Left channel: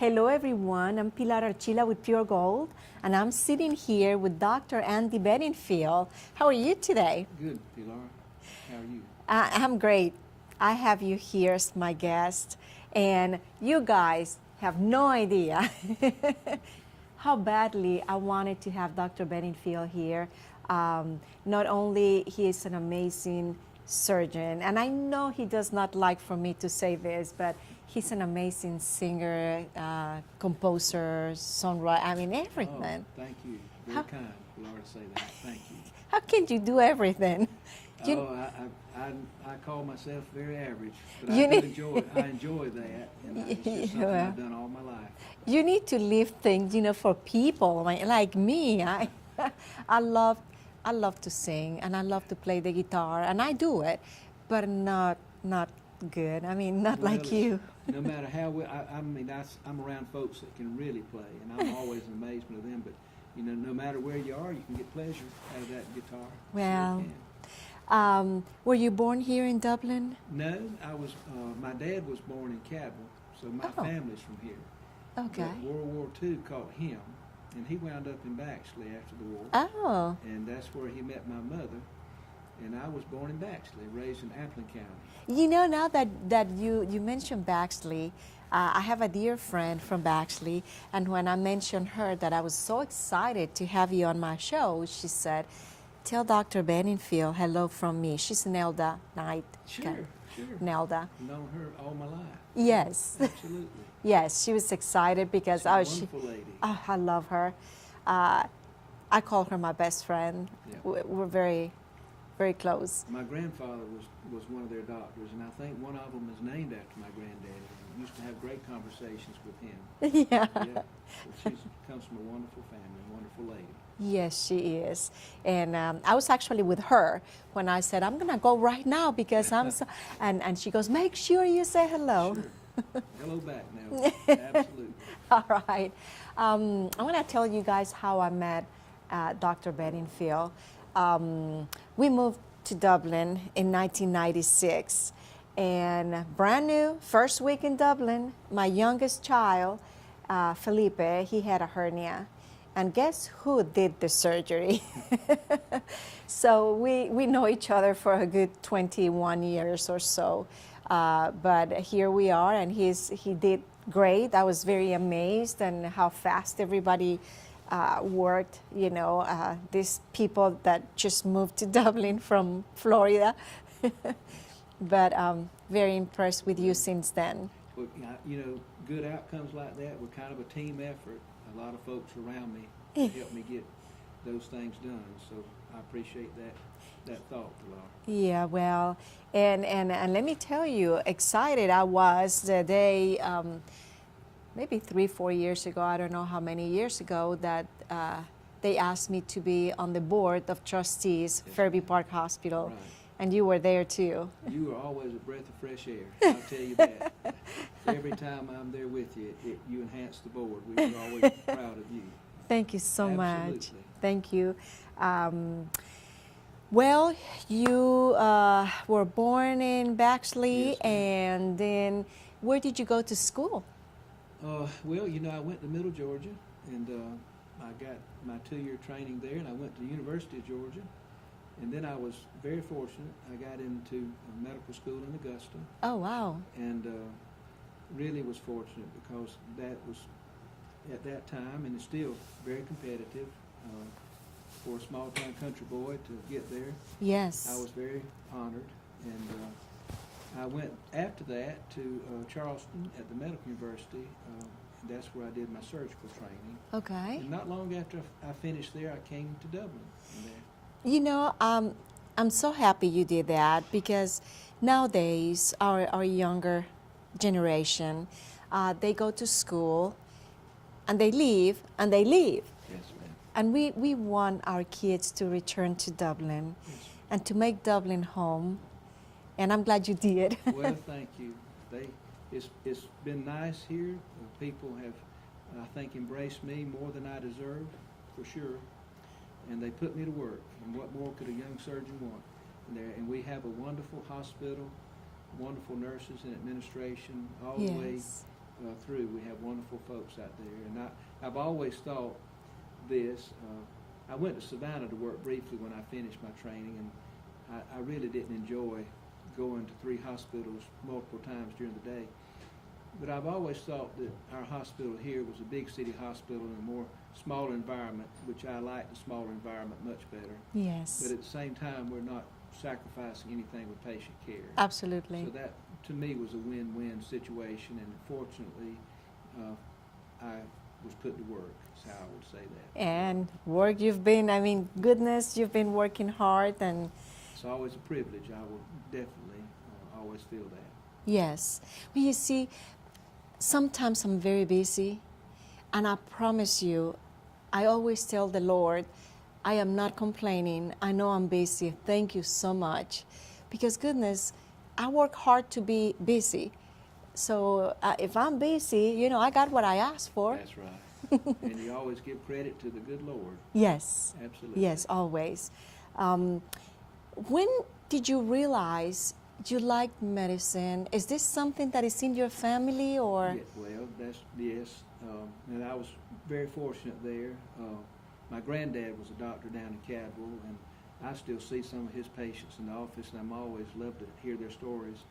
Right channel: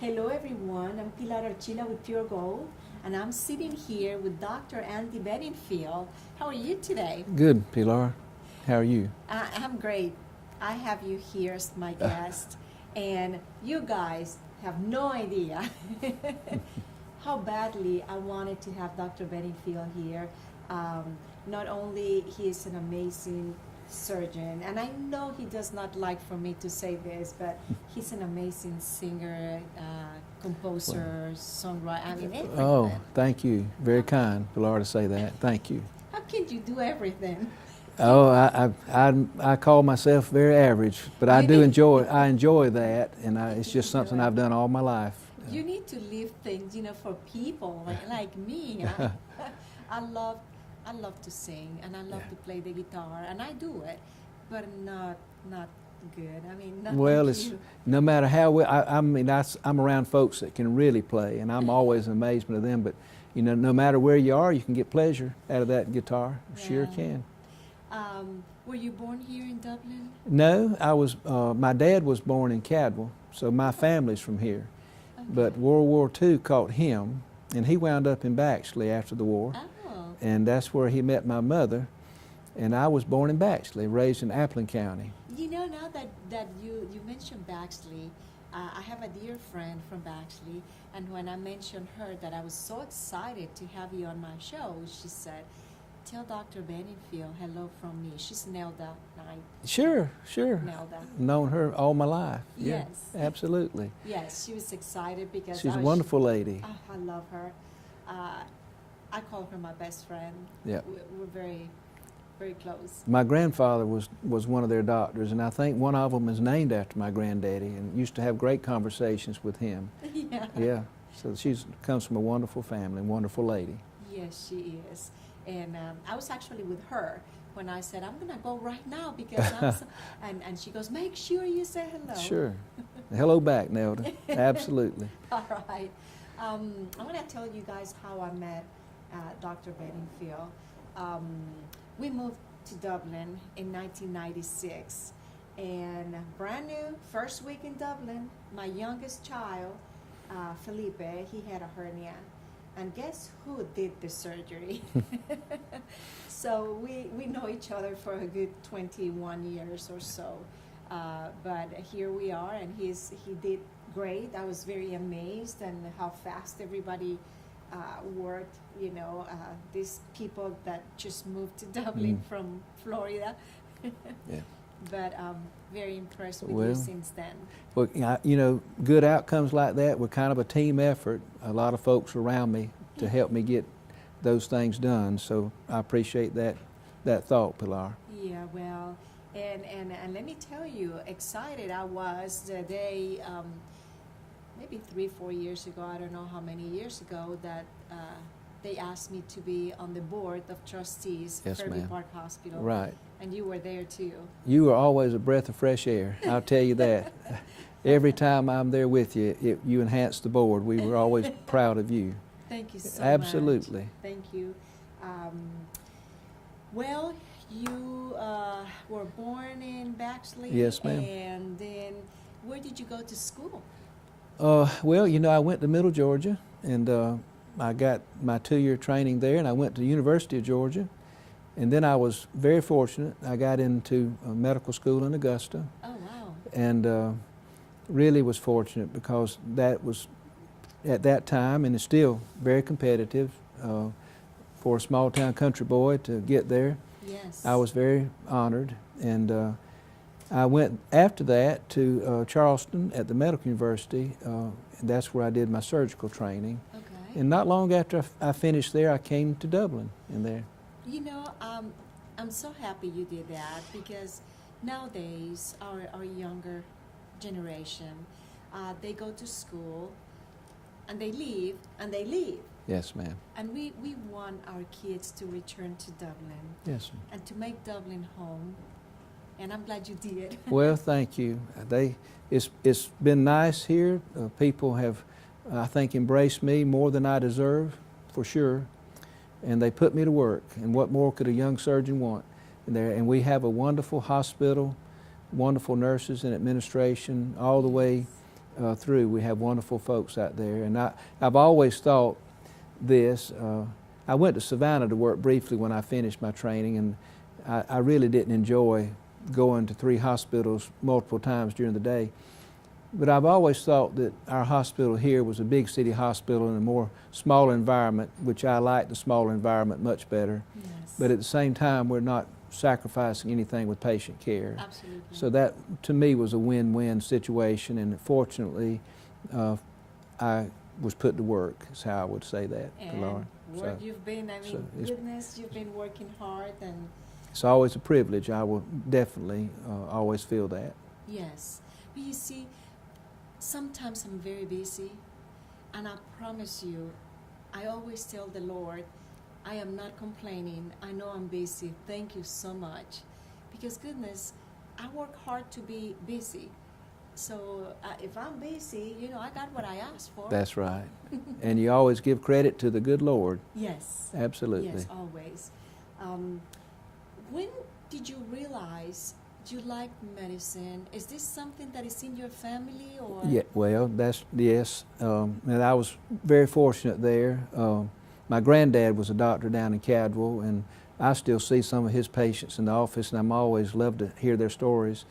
Hello everyone, I'm Pilar Archila with Pure Gold, and I'm sitting here with Dr. Andy Bedingfield. How are you today? Good, Pilar. How are you? I'm great. I have you here as my guest, and you guys have no idea how badly I wanted to have Dr. Bedingfield here. Not only he is an amazing surgeon, and I know he does not like for me to say this, but he's an amazing singer, composer, songwriter, I mean everything. Oh, thank you. Very kind, Pilar, to say that. Thank you. How can you do everything? Oh, I call myself very average, but I do enjoy that, and it's just something I've done all my life. You need to leave things, for people like me. I love to sing, and I love to play the guitar, and I do it, but not good. I mean, not like you. No matter how well, I'm around folks that can really play, and I'm always in amazement of them. But no matter where you are, you can get pleasure out of that guitar. Well, sure can. Were you born here in Dublin? No, I was. My dad was born in Cadwell, so my family's from here. Okay. But World War II caught him, and he wound up in Baxley after the war. Oh. And that's where he met my mother. And I was born in Baxley, raised in Appleton County. Now that you mentioned Baxley, I have a dear friend from Baxley, and when I mentioned her that I was so excited to have you on my show, she said, "Tell Dr. Bedingfield hello from me." She's Nelda Knight. Sure. Nelda. Known her all my life. Yes. Yeah, absolutely. Yes, she was excited because She's a wonderful lady. Oh, I love her. I call her my best friend. Yeah. We're very, very close. My grandfather was one of their doctors, and I think one of them is named after my granddaddy, and used to have great conversations with him. Yeah. Yeah. So she comes from a wonderful family, wonderful lady. Yes, she is. And I was actually with her when I said, I'm going to go right now because I'm so, and she goes, make sure you say hello. Sure. Hello back, Nelda. Absolutely. All right. I want to tell you guys how I met Dr. Bedingfield. We moved to Dublin in 1996, and brand new, first week in Dublin, my youngest child, Felipe, he had a hernia. And guess who did the surgery? So we know each other for a good 21 years or so. But here we are, and he did great. I was very amazed and how fast everybody worked. These people that just moved to Dublin from Florida. Yes. But very impressed with you since then. Well, good outcomes like that were kind of a team effort. A lot of folks around me to help me get those things done. So I appreciate that thought, Pilar. Yeah, well, and let me tell you, excited I was the day, maybe 3-4 years ago, I don't know how many years ago, that they asked me to be on the board of trustees, Yes, Fairview ma'am. Park Hospital. Right. And you were there too. You were always a breath of fresh air, I'll tell you that. Every time I'm there with you, you enhance the board. We were always proud of you. Thank you so Absolutely. much. Thank you. Well, you were born in Baxley, Yes, ma'am. and then where did you go to school? Well, I went to Middle Georgia, and I got my 2-year training there, and I went to the University of Georgia. And then I was very fortunate. I got into medical school in Augusta. Oh, wow. And really was fortunate because that was, at that time, and it's still very competitive for a small town country boy to get there. Yes. I was very honored. And I went after that to Charleston at the Medical University. And that's where I did my surgical training. Okay. And not long after I finished there, I came to Dublin in there. I'm so happy you did that, because nowadays our younger generation, they go to school and they leave and they leave. Yes, ma'am. And we want our kids to return to Dublin. Yes, ma'am. And to make Dublin home. And I'm glad you did. Well, thank you. It's been nice here. People have, I think, embraced me more than I deserve, for sure. And they put me to work. And what more could a young surgeon want? And we have a wonderful hospital, wonderful nurses and administration, all the way through. We have wonderful folks out there, and I've always thought this. I went to Savannah to work briefly when I finished my training, and I really didn't enjoy going to 3 hospitals multiple times during the day. But I've always thought that our hospital here was a big city hospital in a more smaller environment, which I like the smaller environment much better. Yes. But at the same time, we're not sacrificing anything with patient care. Absolutely. So that, to me, was a win-win situation, and fortunately, I was put to work, is how I would say that. And Laura. work you've been, I mean, goodness, you've been working hard, and It's always a privilege. I will definitely always feel that. yes. But you see, sometimes I'm very busy, and I promise you, I always tell the Lord, I am not complaining. I know I'm busy. Thank you so much. Because goodness, I work hard to be busy. So if I'm busy, you know, I got what I asked for. That's right. And you always give credit to the good Lord. Yes. Absolutely. Yes, always. When did you realize you liked medicine? Is this something that is in your family, or? Yeah, well, yes. And I was very fortunate there. My granddad was a doctor down in Cadwell, and I still see some of his patients in the office, and I'm always love to hear their stories.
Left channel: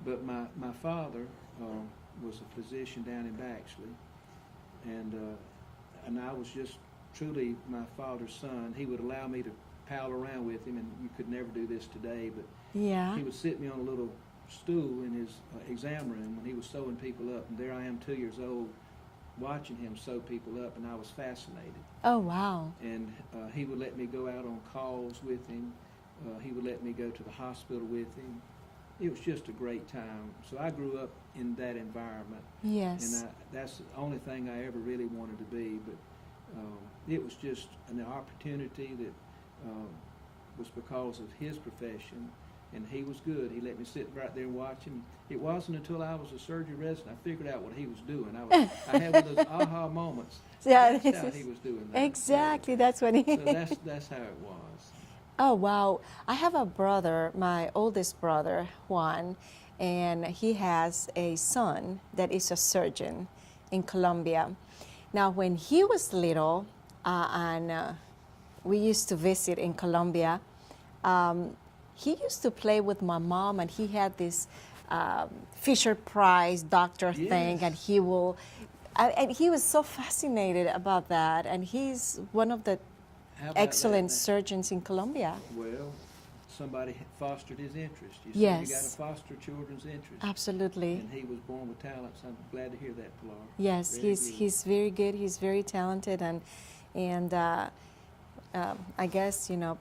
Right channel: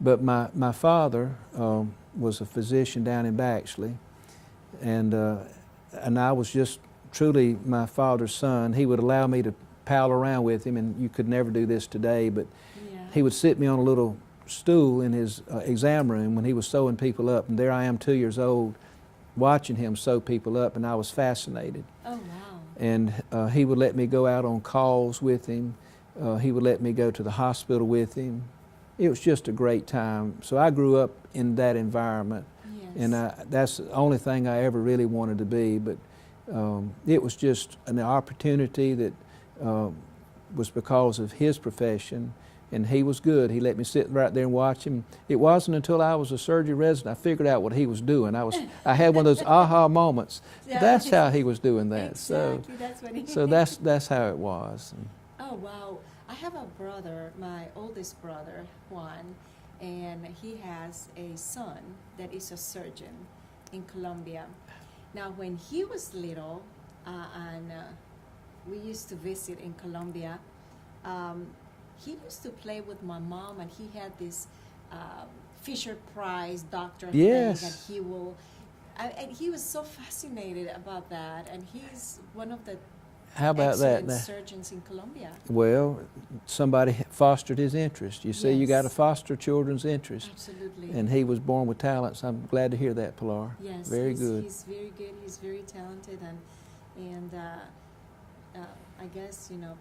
But my father was a physician down in Baxley, and I was just truly my father's son. He would allow me to pal around with him, and you could never do this today, but Yeah. he would sit me on a little stool in his exam room when he was sewing people up, and there I am, 2 years old, watching him sew people up, and I was fascinated. Oh, wow. And he would let me go out on calls with him. He would let me go to the hospital with him. It was just a great time. So I grew up in that environment. Yes. And that's the only thing I ever really wanted to be. But it was just an opportunity that was because of his profession. And he was good. He let me sit right there and watch him. It wasn't until I was a surgery resident I figured out what he was doing. I had one of those aha moments. Yeah. That's how he was doing that. Exactly. That's what he. So that's how it was. Oh, wow. I have a brother, my oldest brother, Juan, and he has a son that is a surgeon in Colombia. Now, when he was little, and we used to visit in Colombia, he used to play with my mom, and he had this Fisher Price doctor Yes. thing, and he will, and he was so fascinated about that, and he's one of the How about excellent that? surgeons in Colombia. Well, somebody fostered his interest. You see, you got to Yes. foster children's interest. Absolutely. And he was born with talents. I'm glad to hear that, Pilar. Yes, Very good. he's very good. He's very talented, and I guess, you know,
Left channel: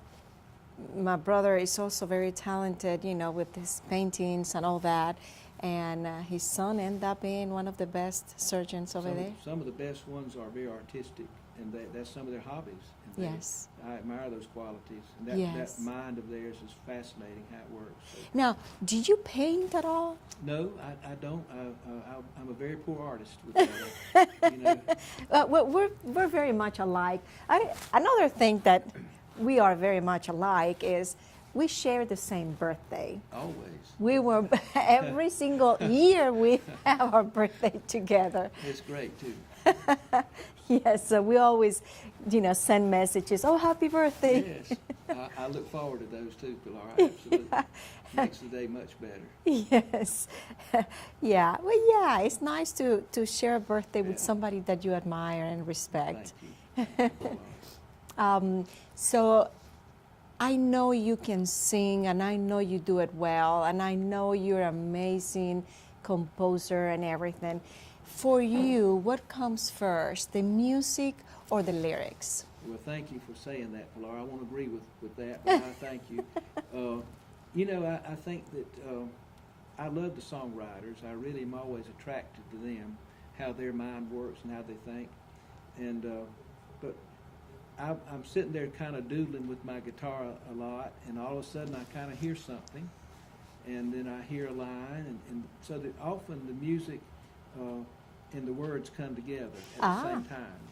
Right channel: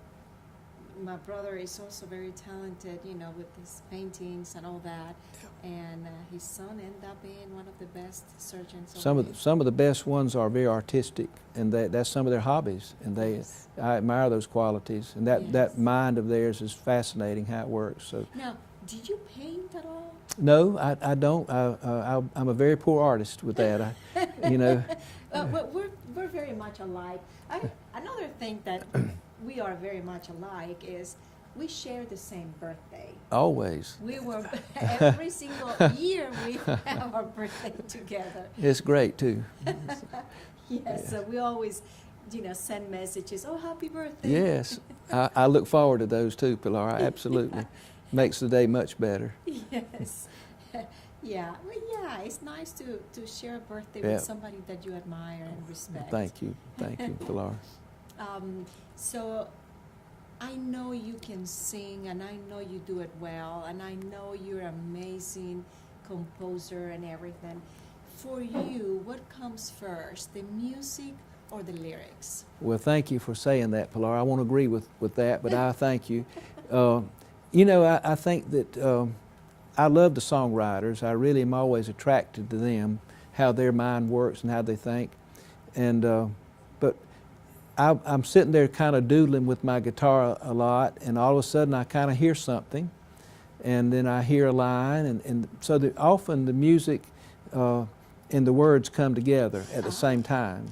my brother is also very talented, you know, with his paintings and all that. And his son ended up being one of the best surgeons over there. Some of the best ones are very artistic, and that's some of their hobbies. And Yes. I admire those qualities. And that Yes. mind of theirs is fascinating how it works. So Now, do you paint at all? no, I don't. I'm a very poor artist with that. You know. We're very much alike. Another thing that we are very much alike is we share the same birthday. Always. We were every single year we have our birthday together. It's great too. Yes, so we always, you know, send messages. Oh, happy birthday! Yes, I look forward to those too, Pilar. Absolutely, makes the day much better. Yes, yeah. Well, yeah, it's nice to share a birthday Yeah. with somebody that you admire and respect. Thank you, Pilar. So I know you can sing, and I know you do it well, and I know you're an amazing composer and everything. For you, what comes first, the music or the lyrics? Well, thank you for saying that, Pilar. I won't agree with that, but I thank you. You know, I think that I love the songwriters. I really am always attracted to them, how their mind works and how they think. And but I'm sitting there kind of doodling with my guitar a lot, and all of a sudden I kind of hear something, and then I hear a line, and so often the music and the words come together at the same time.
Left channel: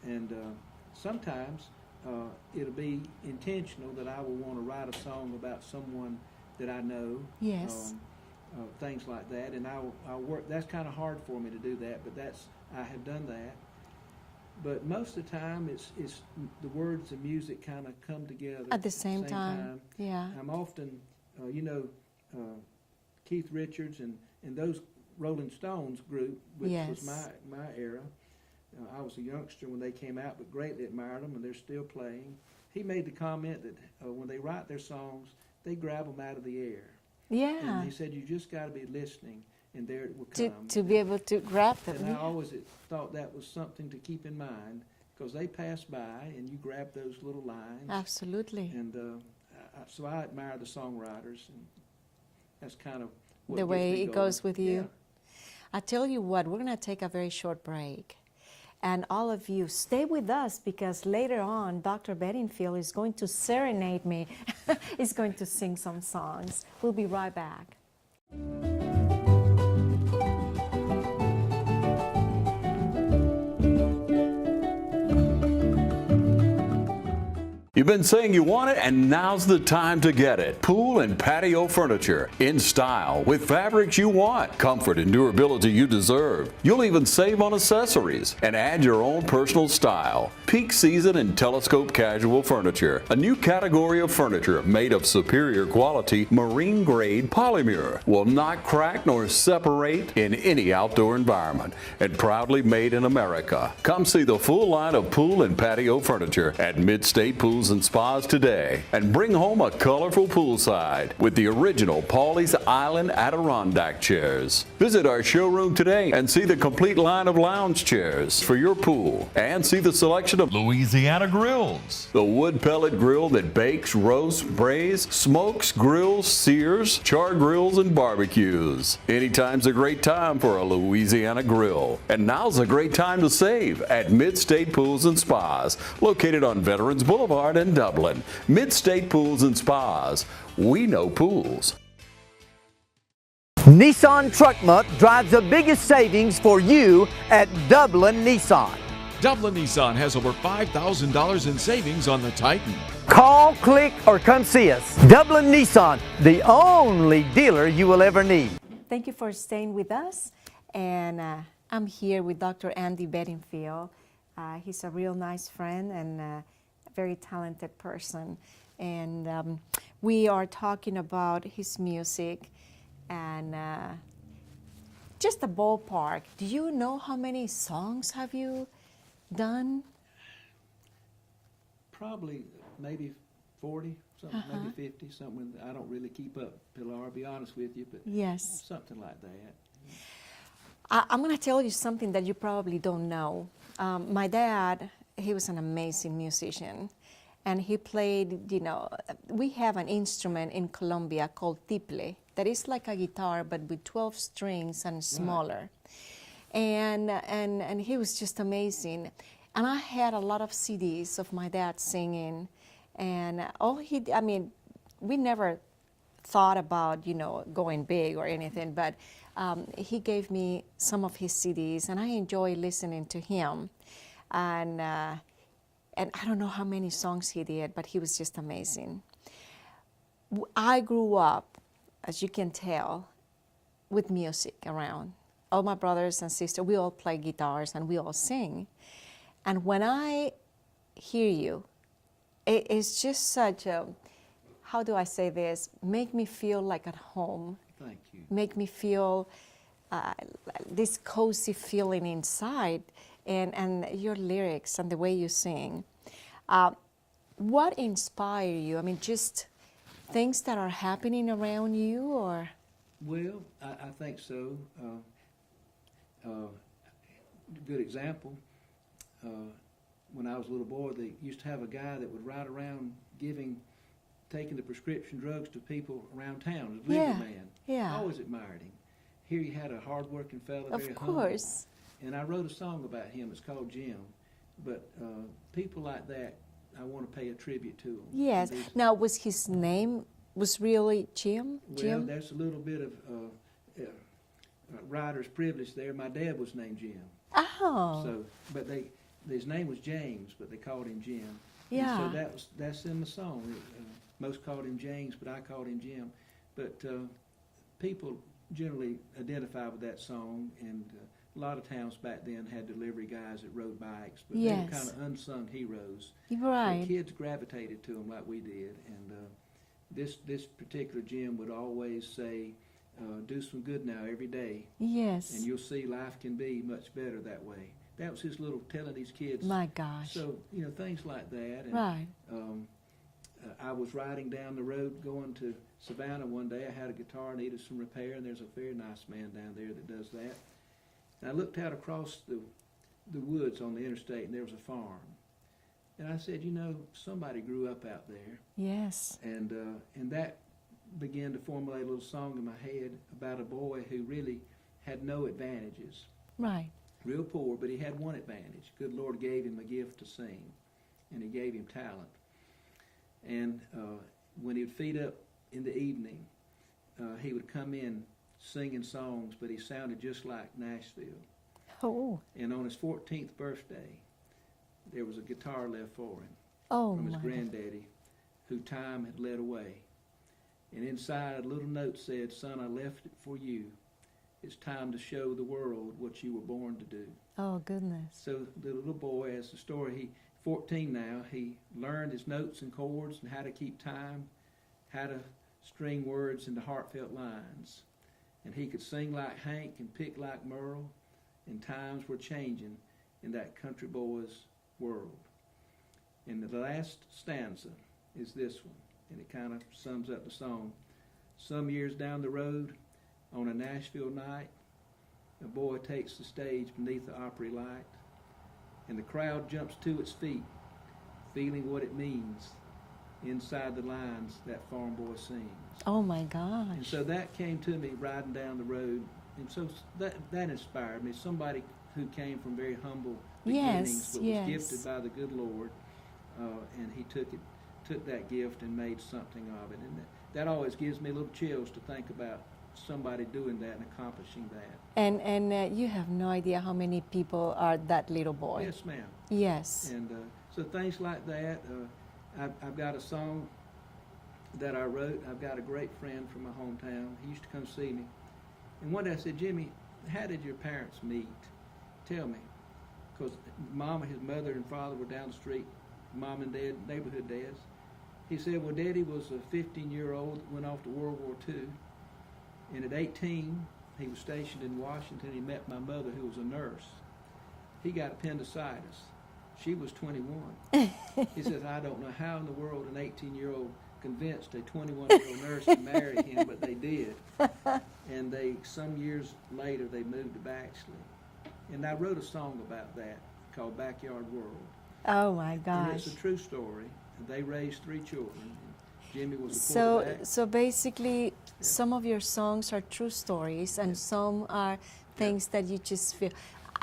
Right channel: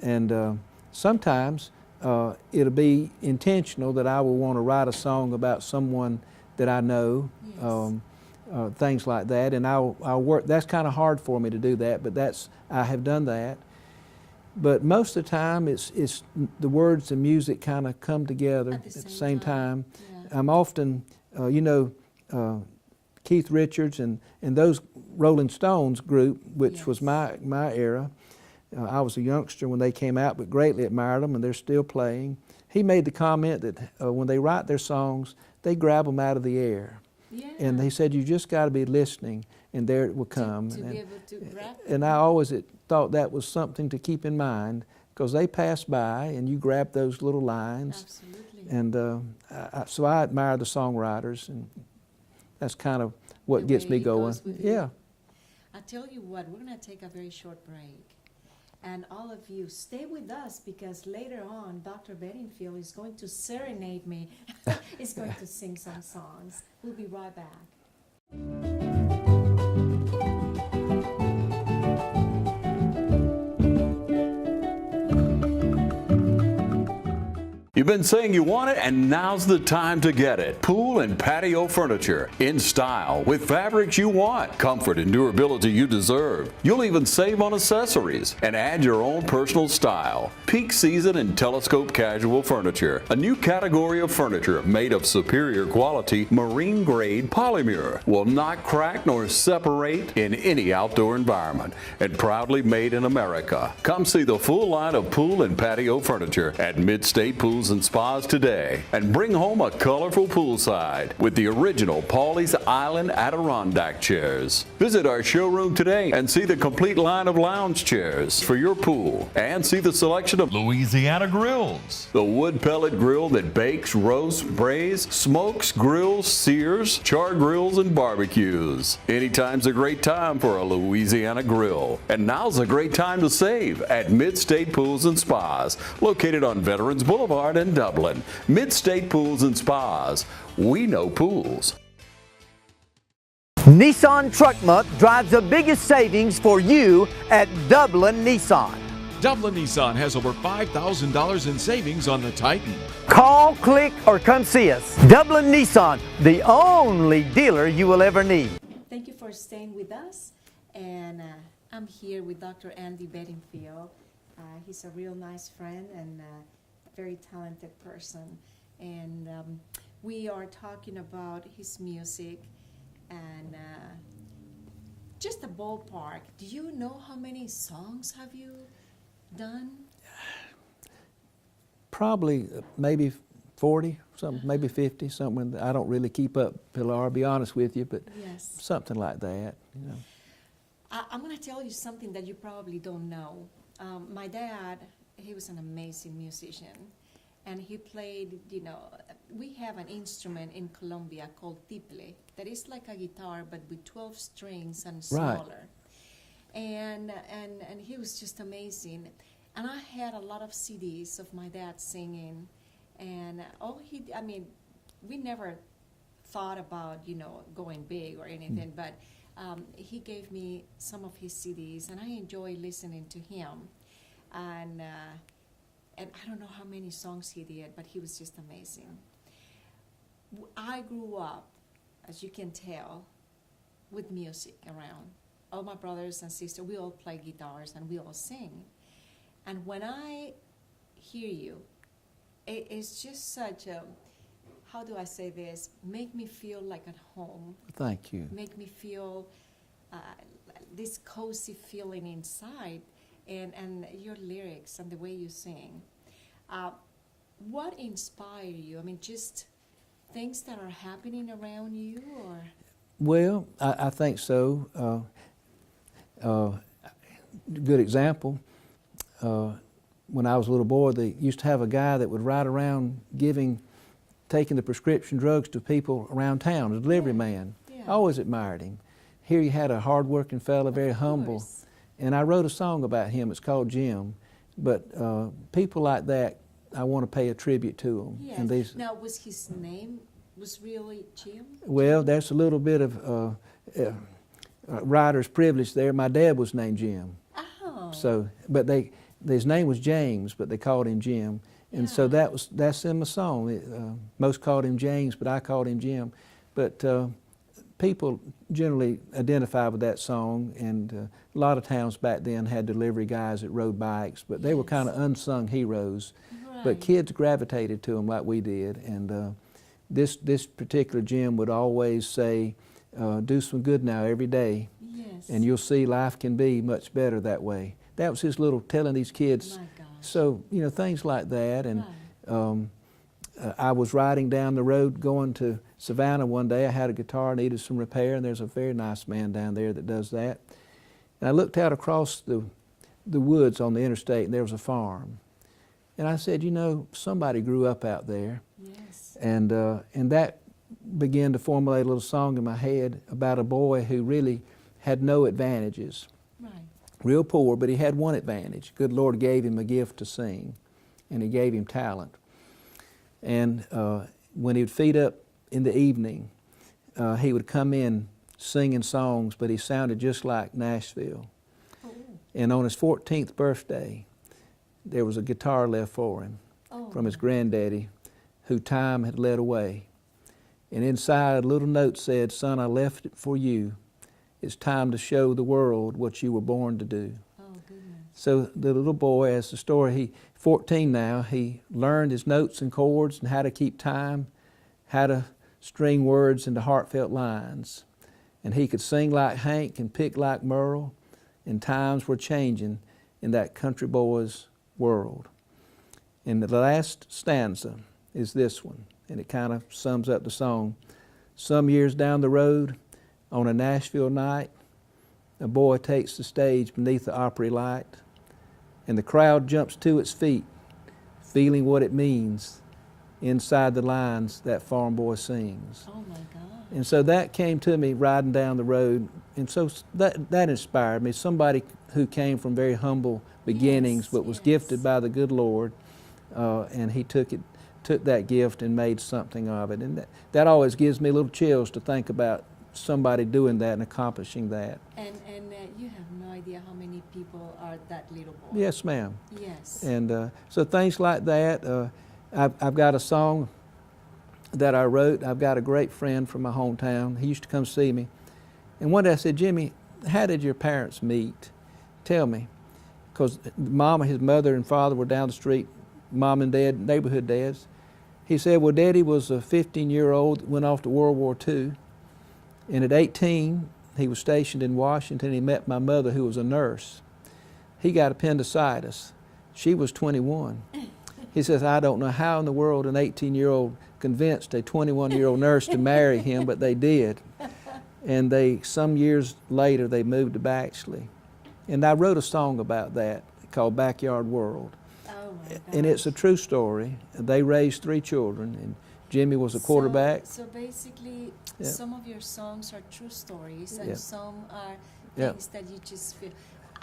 And sometimes it'll be intentional that I will want to write a song about someone that I know. Yes. things like that, and I'll work. That's kind of hard for me to do that, but I have done that. But most of the time, it's the words and music kind of come together at the same time. Yeah. I'm often, Keith Richards and those Rolling Stones group, which was my era. I was a youngster when they came out, but greatly admired them, and they're still playing. He made the comment that when they write their songs, they grab them out of the air. Yeah. And he said, you just got to be listening, and there it will come. To be able to grab them. And I always thought that was something to keep in mind, because they pass by, and you grab those little lines. Absolutely. And so I admire the songwriters, and that's kind of what gets me going. The way it goes with you. Yeah. I tell you what, we're going to take a very short break. And all of you, stay with us, because later on, Dr. Bedingfield is going to serenade me. He's going to sing some songs. We'll be right back. You've been saying you want it, and now's the time to get it. Pool and patio furniture in style with fabrics you want, comfort and durability you deserve. You'll even save on accessories and add your own personal style. Peak season and telescope casual furniture, a new category of furniture made of superior quality marine grade polymer, will not crack nor separate in any outdoor environment, and proudly made in America. Come see the full line of pool and patio furniture at Mid-State Pools and Spas today, and bring home a colorful poolside with the original Pawleys Island Adirondack chairs. Visit our showroom today and see the complete line of lounge chairs for your pool, and see the selection of Louisiana grills. the wood pellet grill that bakes, roasts, braise, smokes, grills, sears, char grills, and barbecues. Anytime's a great time for a Louisiana grill. And now's a great time to save at Mid-State Pools and Spas, located on Veterans Boulevard in Dublin. Mid-State Pools and Spas. We know pools. Nissan Truck Month drives the biggest savings for you at Dublin Nissan. Dublin Nissan has over $5,000 in savings on the Titan. Call, click, or come see us. Dublin Nissan, the only dealer you will ever need. Thank you for staying with us. And I'm here with Dr. Andy Bedingfield. He's a real nice friend and a very talented person. And we are talking about his music and just a ballpark. Do you know how many songs have you done? Probably maybe 40, something, maybe 50, something. I don't really keep up, Pilar, I'll be honest with you, but Yes. something like that. You know. I'm going to tell you something that you probably don't know. My dad, he was an amazing musician, and he played, we have an instrument in Colombia called tiple, that is like a guitar but with 12 strings and smaller. And he was just amazing. And I had a lot of CDs of my dad singing, and we never thought about, going big or anything, but he gave me some of his CDs, and I enjoy listening to him. And I don't know how many songs he did, but he was just amazing. I grew up, as you can tell, with music around. All my brothers and sisters, we all play guitars and we all sing. And when I hear you, it's just such a, how do I say this, make me feel like at home. Thank you. Make me feel this cozy feeling inside, and your lyrics and the way you sing. What inspired you? I mean, just things that are happening around you, or? Well, I think so. Good example. When I was a little boy, they used to have a guy that would ride around taking the prescription drugs to people around town, a delivery man. Yeah. I always admired him. Here you had a hard-working fella, very humble. And I wrote a song about him. It's called Jim. But people like that, I want to pay a tribute to them. Yes. Now, was his name really Jim? Well, Jim? there's a little bit of writer's privilege there. My dad was named Jim. Oh. So, but his name was James, but they called him Jim. And so Yeah. that's in the song. Most called him James, but I called him Jim. But people generally identify with that song, and a lot of towns back then had delivery guys that rode bikes, but they were Yes. kind of unsung heroes. Right. But kids gravitated to them like we did, and this particular Jim would always say, do some good now every day, Yes. and you'll see life can be much better that way. That was his little telling these kids. My gosh. So, you know, things like that. And Right. I was riding down the road going to Savannah one day. I had a guitar, needed some repair, and there's a very nice man down there that does that. And I looked out across the woods on the interstate, and there was a farm. And I said, you know, somebody grew up out there. Yes. And that began to formulate a little song in my head about a boy who really had no advantages. Right. Real poor, but he had one advantage. Good Lord gave him a gift to sing, and he gave him talent. And when he would feed up in the evening, he would come in singing songs, but he sounded just like Nashville. Oh. And on his 14th birthday, there was a guitar left for him from his my. granddaddy, who time had led away. And inside a little note said, son, I left it for you. It's time to show the world what you were born to do. Oh, goodness. So the little boy, as the story, 14 now, he learned his notes and chords and how to keep time, how to string words into heartfelt lines. And he could sing like Hank and pick like Merle, and times were changing in that country boy's world. And the last stanza is this one, and it kind of sums up the song. Some years down the road, on a Nashville night, a boy takes the stage beneath the Opry light, and the crowd jumps to its feet, feeling what it means inside the lines that farm boy sings. Oh my God. And so that came to me riding down the road, and so that inspired me. Somebody who came from very humble beginnings, Yes, but was yes. gifted by the good Lord, and he took that gift and made something of it. And that always gives me little chills to think about somebody doing that and accomplishing that. And you have no idea how many people are that little boy. Yes, ma'am. Yes. And so things like that. I've got a song that I wrote. I've got a great friend from my hometown. He used to come see me. And one day I said, Jimmy, how did your parents meet? Tell me. Because Mama, his mother and father were down the street, Mom and Dad, neighborhood dads. He said, well, Daddy was a 15-year-old, went off to World War II. And at 18, he was stationed in Washington. He met my mother, who was a nurse. He got appendicitis. She was 21. He says, I don't know how in the world an 18-year-old convinced a 21-year-old nurse to marry him, but they did. And some years later, they moved to Baxley. And I wrote a song about that called Backyard World. Oh my gosh. And it's a true story. They raised 3 children, and Jimmy was a quarterback. So basically, Yeah. some of your songs are true stories, and Yeah. some are Yeah. things that you just feel.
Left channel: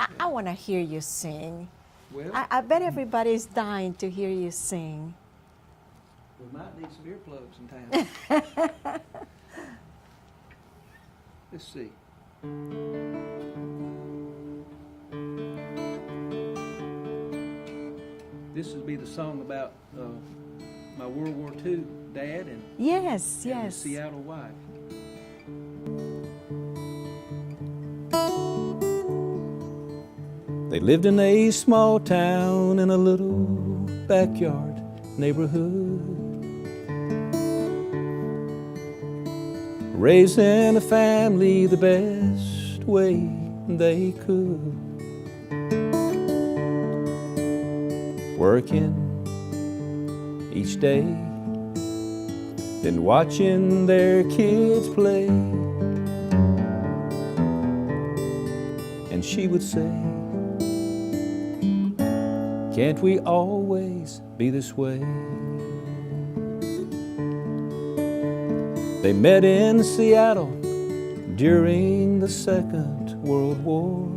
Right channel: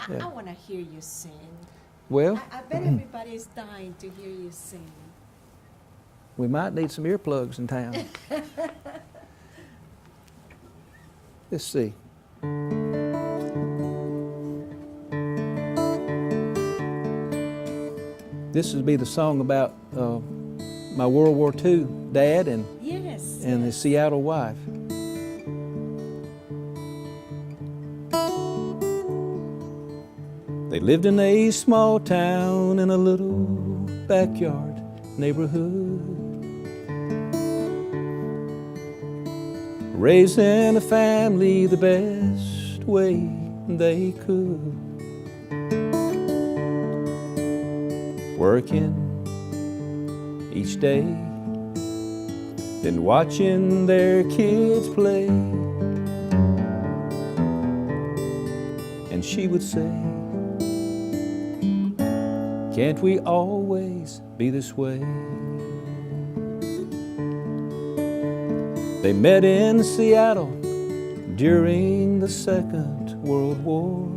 I Yeah. want to hear you sing. Well, I bet everybody's dying to hear you sing. we might need some earplugs in town. Let's see. This would be the song about my World War II dad and Yes, his yes. Seattle wife. They lived in a small town in a little backyard neighborhood, raising a family the best way they could, working each day, then watching their kids play. And she would say, can't we always be this way? They met in Seattle during the Second World War.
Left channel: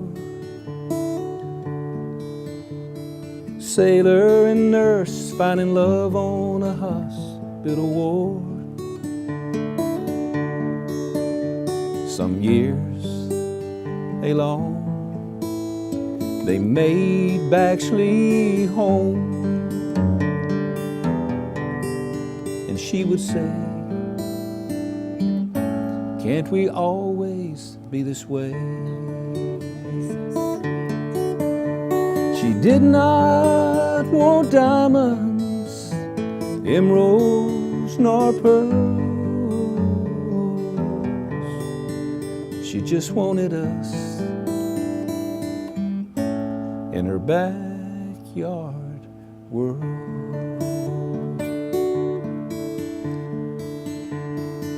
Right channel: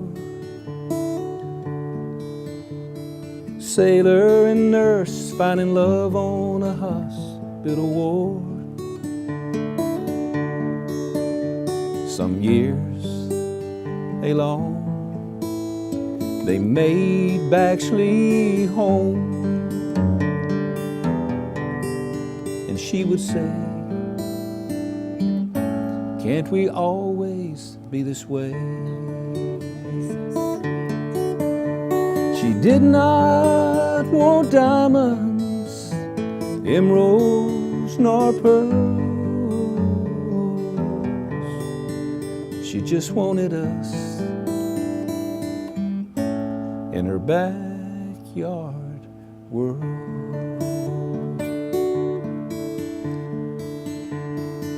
Sailor and nurse finding love on a hospital ward. Some years along, they made Baxley home. And she would say, Can't we always be this way? She did not want diamonds, emeralds, nor pearls. She just wanted us in her backyard world.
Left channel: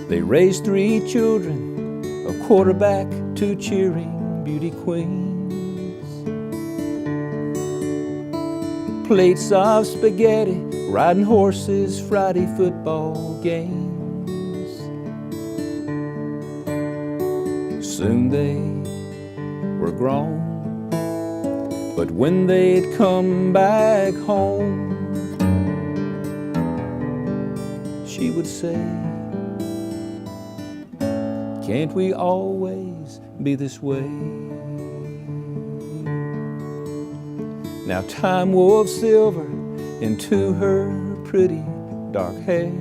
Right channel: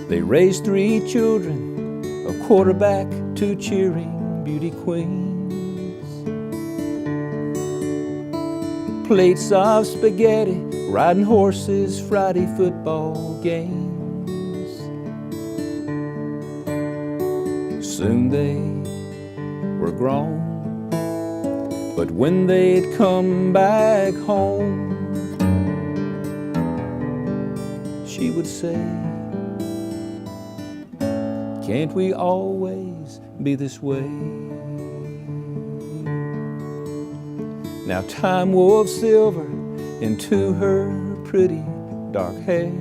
They raised 3 children, a quarterback, 2 cheering beauty queens. Plates of spaghetti, riding horses, Friday football games. Soon they were grown, but when they'd come back home, she would say, can't we always be this way? Now time wove silver into her pretty dark hair.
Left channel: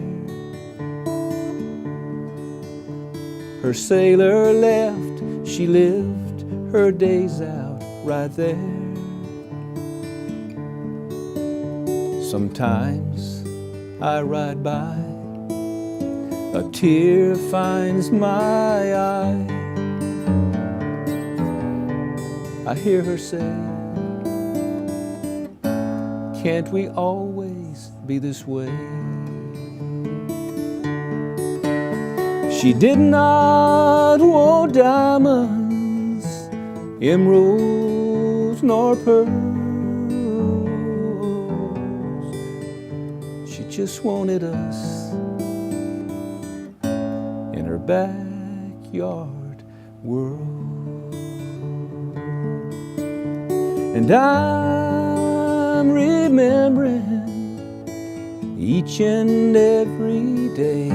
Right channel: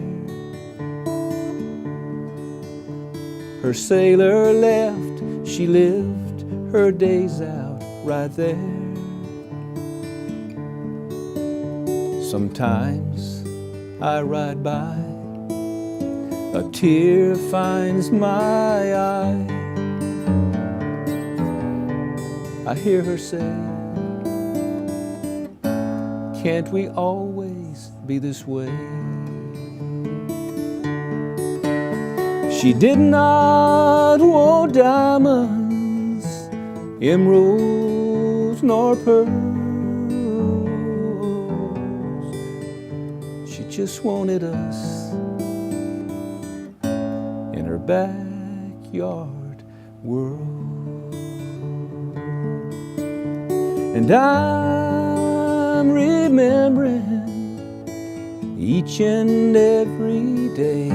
Her sailor left, she lived her days out right there. Sometimes I ride by, a tear finds my eye. I hear her say, can't we always be this way? She did not want diamonds, emeralds, nor pearls. She just wanted us in her backyard world. And I'm remembering each and every day,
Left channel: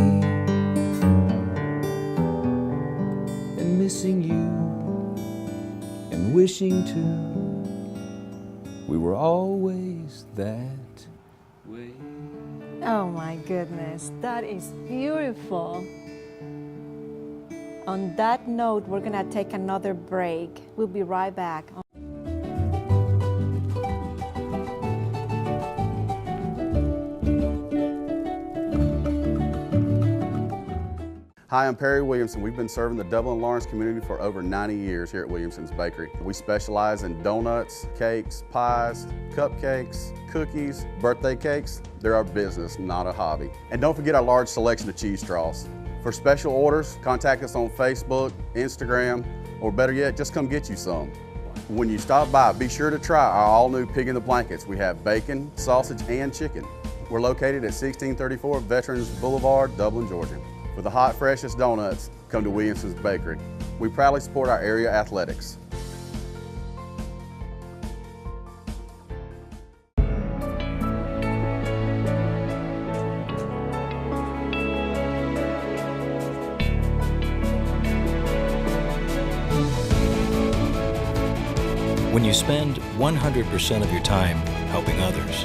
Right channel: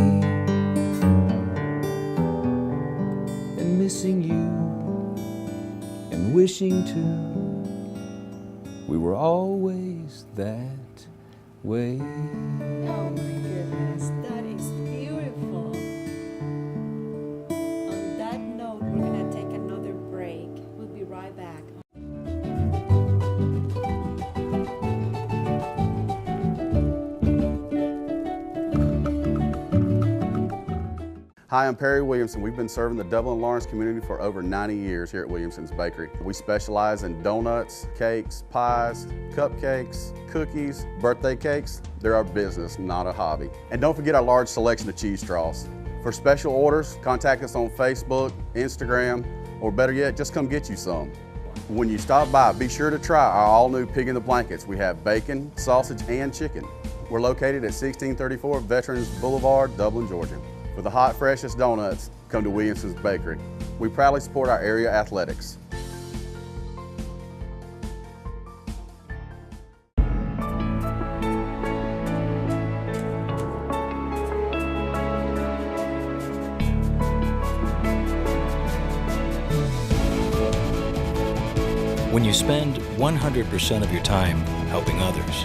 and missing you and wishing too we were always that way. Oh my goodness, that is beautiful. On that note, we're gonna take another break. We'll be right back. Hi, I'm Perry Williamson. We've been serving the Dublin Lawrence community for over 90 years here at Williamson's Bakery. We specialize in donuts, cakes, pies, cupcakes, cookies, birthday cakes. They're our business, not a hobby. And don't forget our large selection of cheese straws. For special orders, contact us on Facebook, Instagram, or better yet, just come get you some. When you stop by, be sure to try our all-new Pig in the Blankets. We have bacon, sausage, and chicken. We're located at 1634 Veterans Boulevard, Dublin, Georgia. For the hot, freshest donuts, come to Williamson's Bakery. We proudly support our area athletics. When you spend 100% of your time helping others,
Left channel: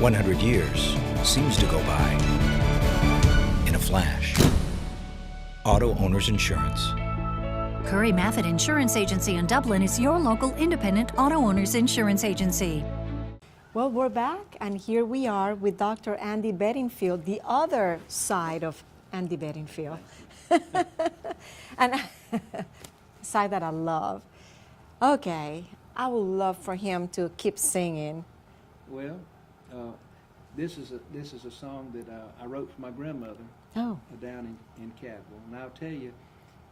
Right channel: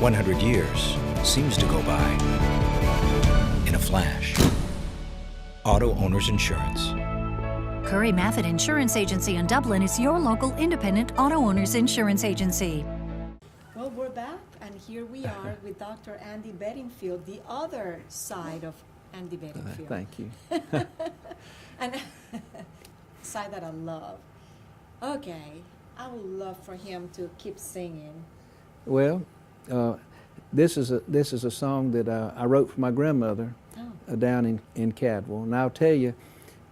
100 years seems to go by in a flash. Auto Owners Insurance. Curry Maffitt Insurance Agency in Dublin is your local independent auto owners insurance agency. Well, we're back, and here we are with Dr. Andy Bedingfield, the other side of Andy Bedingfield. Thank you. And side that I love. Okay, I would love for him to keep singing. Well, this is a song that I wrote for my grandmother down in Cadwell. And I'll tell you,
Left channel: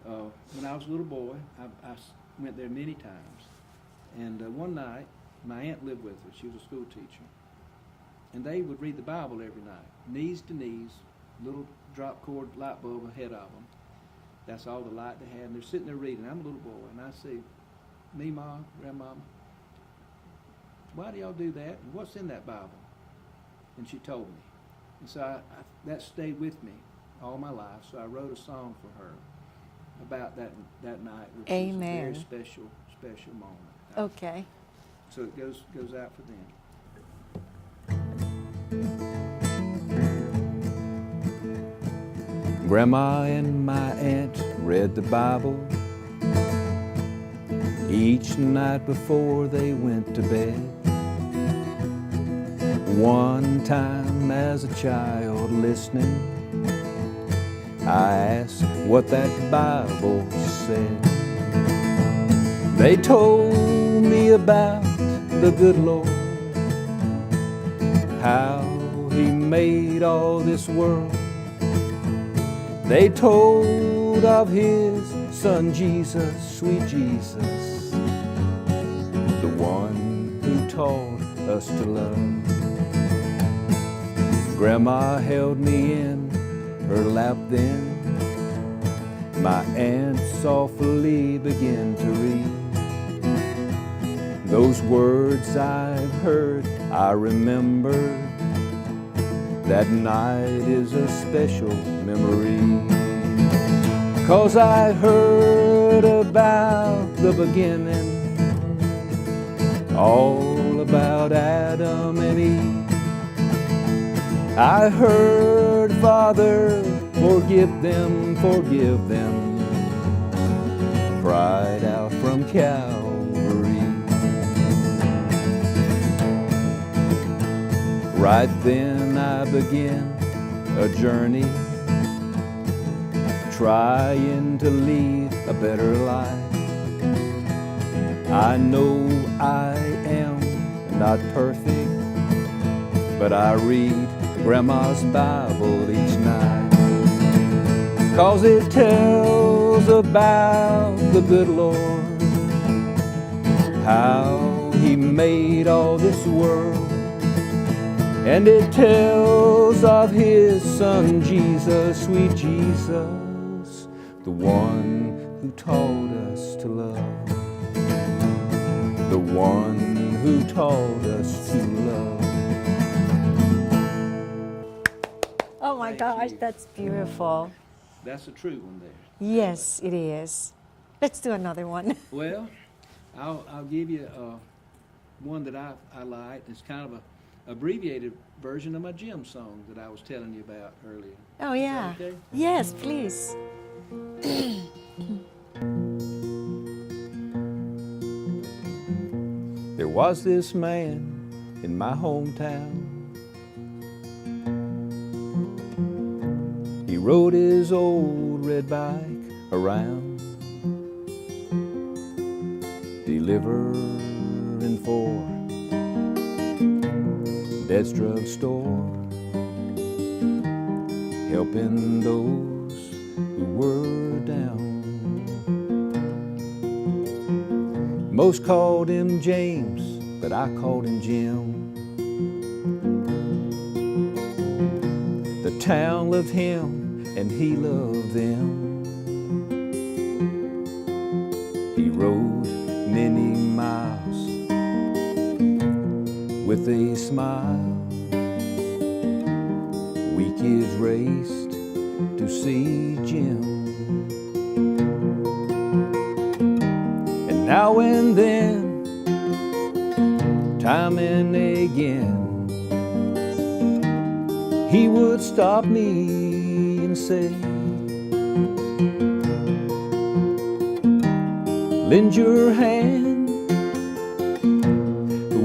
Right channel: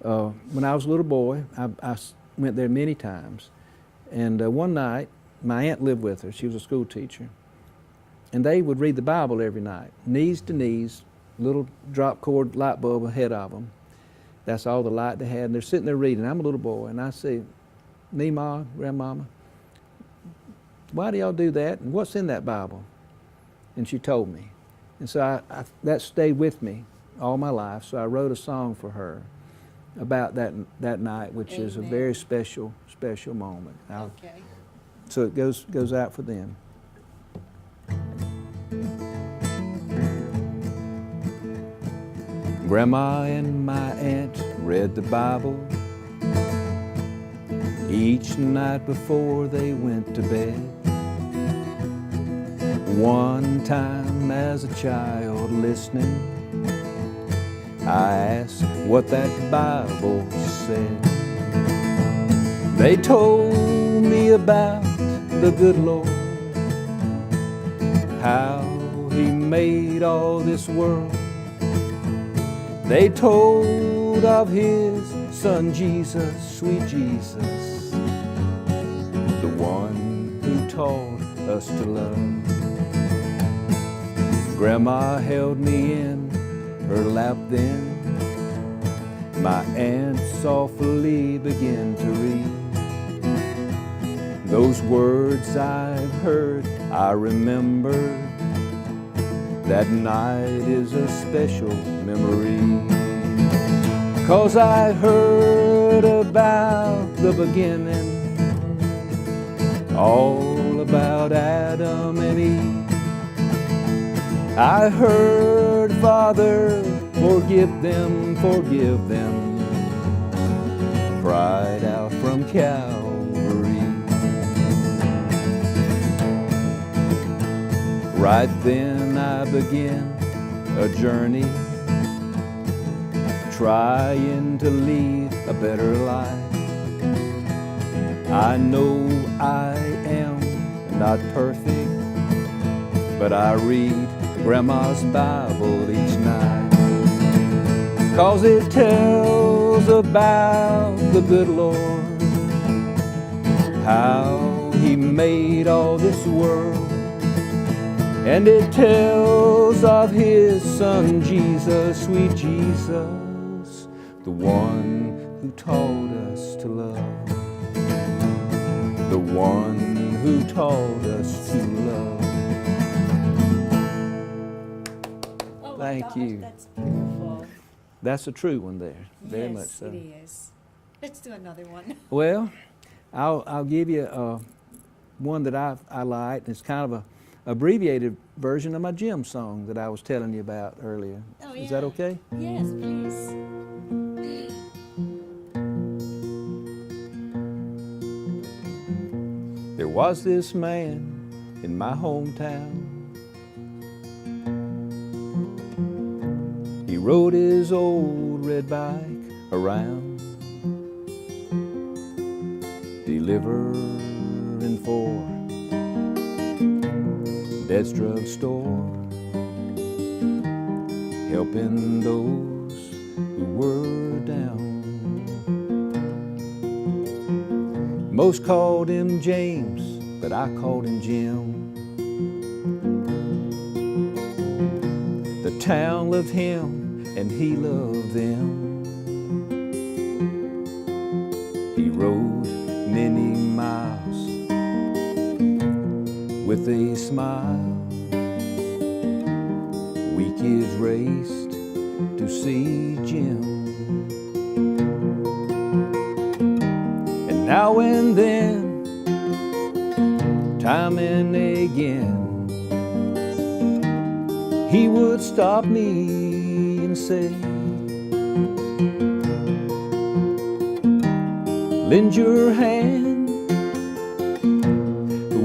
when I was a little boy, I went there many times. And one night, my aunt lived with her. She was a school teacher. And they would read the Bible every night, knees to knees, little drop cord light bulb ahead of them. That's all the light they had. And they're sitting there reading. I'm a little boy, and I say, "Meemaw, Grandmama, why do y'all do that? And what's in that Bible?" And she told me. And so that stayed with me all my life. So I wrote a song for her about that night, which is a very special moment. Okay. So it goes out for them. Grandma and my aunt read the Bible each night before they went to bed. One time as a child listening, I asked what that Bible said. They told me about the good Lord, how He made all this world. They told of His Son Jesus, sweet Jesus, the one who taught us to love. Grandma held me in her lap then. My aunt softly began to read. Those words I've heard, I remember. That night is a special memory. 'Cause I heard about the beginning, all about Adam and Eve. I heard, Father, forgive them, cried out from Calvary. Right then I began a journey, trying to lead a better life. I know I am not perfect, but I read Grandma's Bible each night. 'Cause it tells about the good Lord, how He made all this world. And it tells of His Son Jesus, sweet Jesus, the one who taught us to love. The one who taught us to love. Oh my Thank gosh, you. that's beautiful. That's a true one there. Very Yes, much it so. is. Let's do another one. Well, I'll give you one that I liked. It's kind of a abbreviated version of my gym song that I was telling you about earlier. Oh, Is that yeah. okay? Yes, please. There was this man in my hometown. He rode his old red bike around, delivering for Dad's drug store, helping those who were down. Most called him James, but I called him Jim. The town loved him and he loved them. He rode many miles with a smile. We kids raced to see Jim. And now and then, time and again, he would stop me and say, lend your hand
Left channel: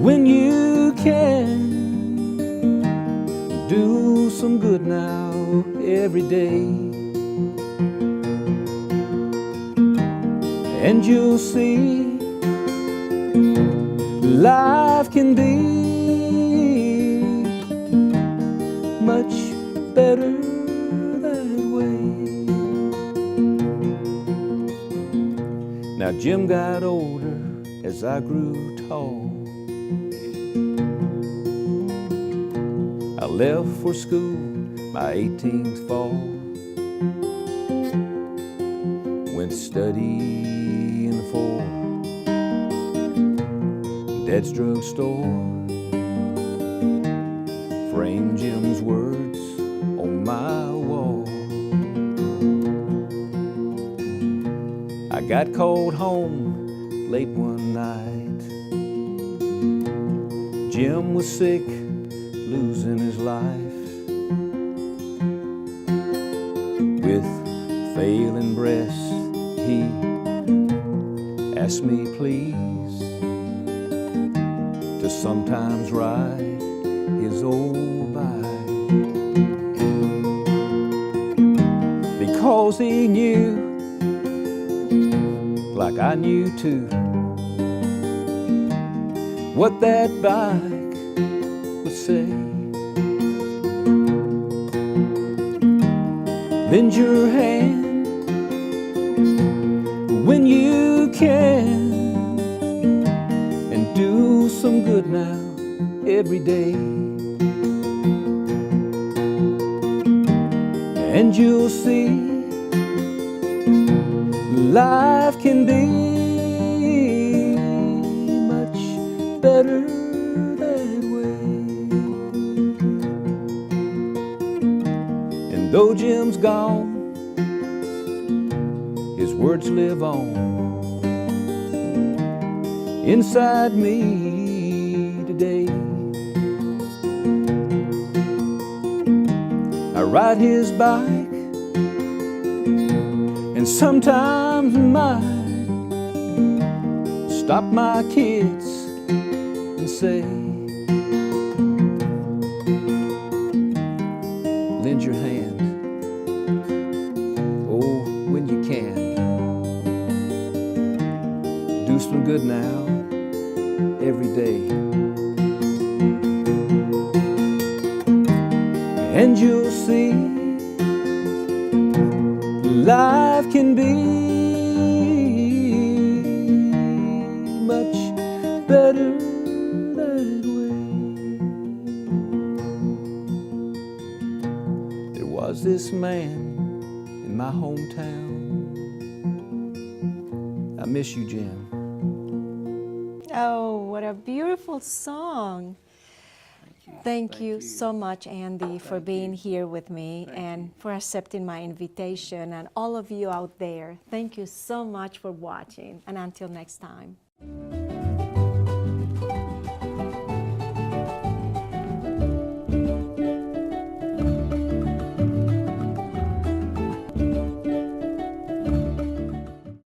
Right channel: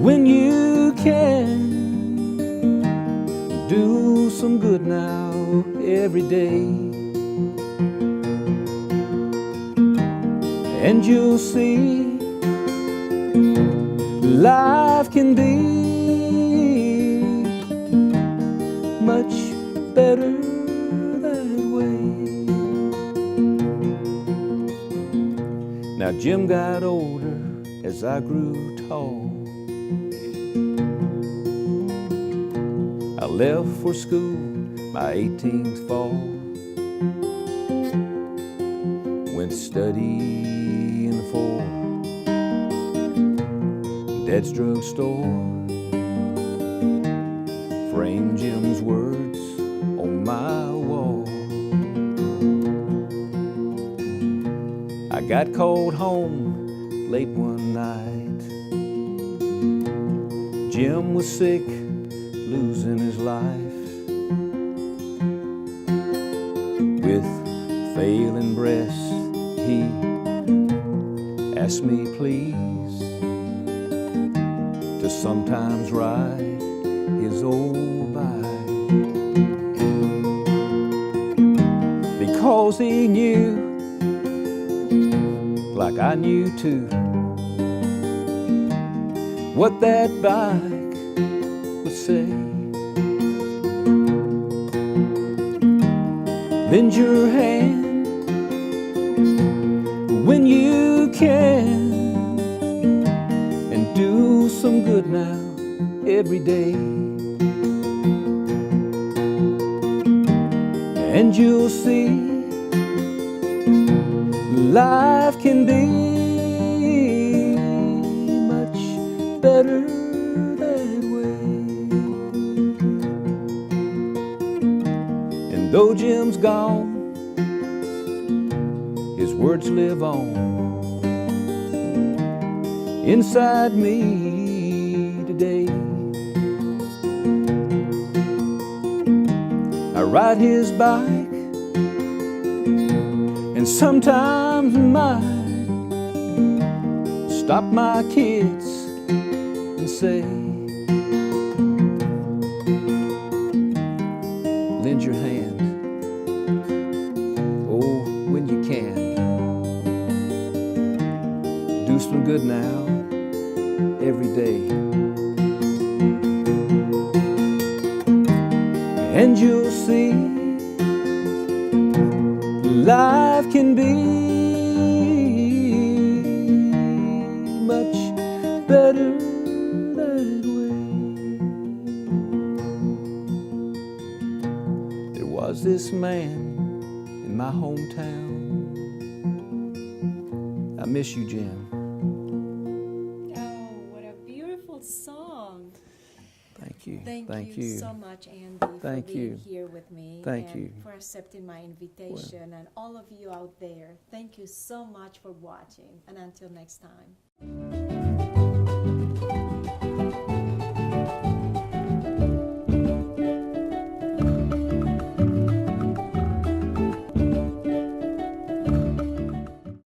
when you can. Do some good now every day, and you'll see life can be much better that way. Now Jim got older as I grew tall. I left for school my 18th fall. Went to study in the for Dad's drug store. Framed Jim's words on my wall. I got called home late one night. Jim was sick, losing his life. with failing breath, he asked me please to sometimes ride his old bike, because he knew, like I knew too, what that bike would say. Lend your hand when you can, and do some good now every day, and you'll see life can be much better that way. And though Jim's gone, his words live on inside me today. I ride his bike, and sometimes might stop my kids and say, lend your hand, oh, when you can. Do some good now, every day, and you'll see life can be much better that way. There was this man in my hometown. I miss you, Jim. Oh, what a beautiful song. Thank you. Thank you so much, Andy, for Thank being you. here with me Thank and you. for accepting my invitation. And all of you out there, thank you so much for watching. And until next time.